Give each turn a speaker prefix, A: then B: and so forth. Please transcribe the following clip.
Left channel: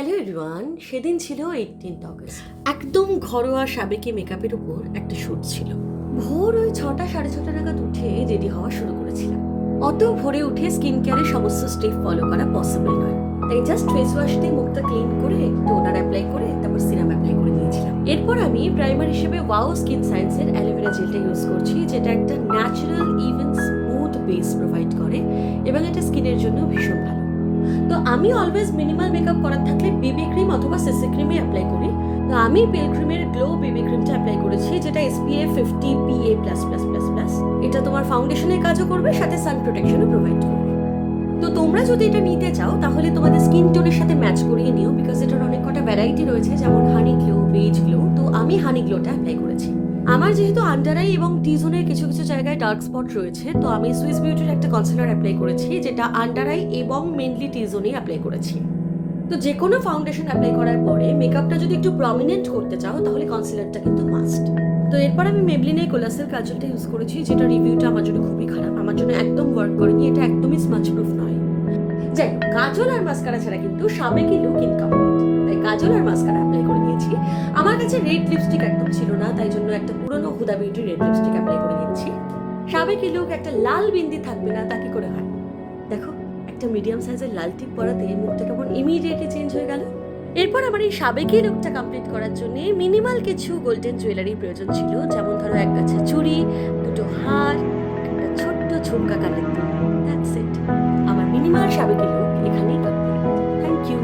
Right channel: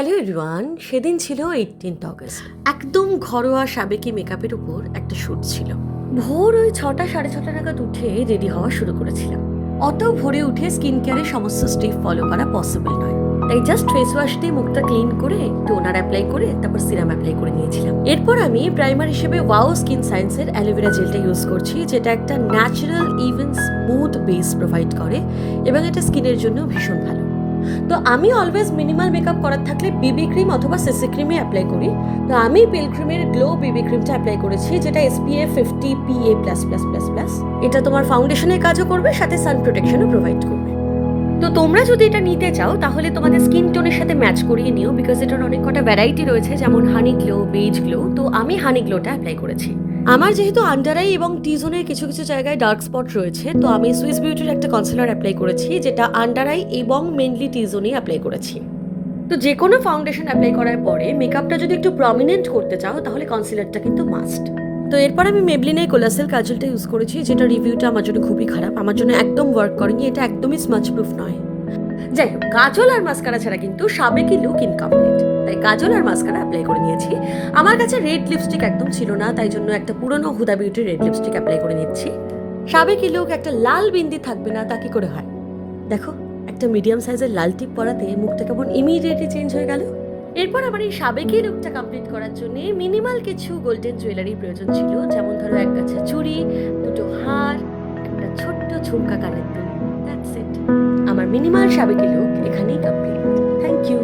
A: Hello everyone সেদিন ছিল eighteenth August একদম ঘরোয়া সাবেকি মেকআপের উপর একটা শ্যুট ছিল। ভোর ওই ছটা, সাড়ে ছটা নাগাদ উঠে রেডি হওয়া শুরু করেছিলাম। অত ভোরে উঠে স্কিন কেয়ারের সমস্ত স্টেপ ফলো করা পসিবল নয়। তাই জাস্ট ফেস ওয়াশ দিয়ে মুখটা ক্লিন করে টোনার অ্যাপ্লাই করে তারপর সিরাম অ্যাপ্লাই করে নিয়েছিলাম। এরপর আমি প্রাইমার হিসেবে ওয়াও স্কিন সায়েন্সের অ্যালোভেরা জেলটা ইউজ করছি, যেটা একটা natural even smooth base provide করে এবং এটা স্কিনের জন্য ভীষণ ভালো। তো আমি অলওয়েজ মিনিমাল মেকআপ করার থাকলে বিবি ক্রিম অথবা সিসি ক্রিমে অ্যাপ্লাই করি। তো আমি পিল ক্রিমের গ্লো বিবি ক্রিমটা অ্যাপ্লাই করেছি, যেটা SPF fifty PA plus plus plus plus এটা তোমার ফাউন্ডেশনের কাজও করবে, সাথে সান প্রোটেকশনও প্রোভাইড করবে। তো তোমরা যদি এটা নিতে চাও, তাহলে তোমাদের স্কিন টোনের সাথে ম্যাচ করিয়ে নিও বিকজ এটার অনেক কটা ভ্যারাইটি রয়েছে, যেমন হানি গ্লো বেজ গ্লো তো আমি হানি গ্লোটা অ্যাপ্লাই করেছি। আমার যেহেতু আন্ডার আই এবং টি জোনের কিছু কিছু জায়গায় ডার্ক স্পট রয়েছে, তো আমি সুইস বিউটির একটা কনসিলার অ্যাপ্লাই করেছি, যেটা আন্ডার আই এবং মেনলি টি অ্যাপ্লাই করেছি। তো যে কোনো ফাউন্ডেশন অ্যাপ্লাই করার পরে মেকআপটা যদি একটু প্রমিনেন্ট করতে চাও, তাহলে কনসিলারটা কিন্তু মাস্ট তো এরপর আমি মেবলিনের কোলাসেল কাজলটা ইউজ করেছি, যেটা রিভিউটা আমার জন্য খুবই খারাপ। আমার জন্য একদম ওয়ার্ক করেনি, এটা একদমই স্মাচ প্রুফ নয়। যাই হোক, কাজল আর মাস্কারা ছাড়া কিন্তু সাবেকি লুক ইনকমপ্লিট তাই কাজল আর মাস্কারা অ্যাপ্লাই করে নিয়েছি। আমার কাছে রেড লিপস্টিক একদম ছিল না, তাই জন্য একটা পুরনো হুদা বিউটির রেড লিপস্টিক অ্যাপ্লাই করে নিচ্ছি। সাবেকি লুক একটা লাল বিন্দি থাকবে না, তা কি করে হয়? দেখো। একটা মিডিয়াম সাইজের লাল টিপ পরাতে মুখটা কেমন ইমিডিয়েটলি চেঞ্জ হয়ে গেল। এরপর আমার এই সাবেকি লুকটা কমপ্লিট করার জন্য মিনিমাল কিছু গোল্ডেন জুয়েলারির প্রয়োজন ছিল, যেমন ধরো এক গাছা চুড়ি, দুটো হার, একটা ছোট্ট ঝুমকা কানের দুল দ্যাটস ইট আমার মিনিমাল সাবেকি লুক এখানেই কমপ্লিট থ্যাংক ইউ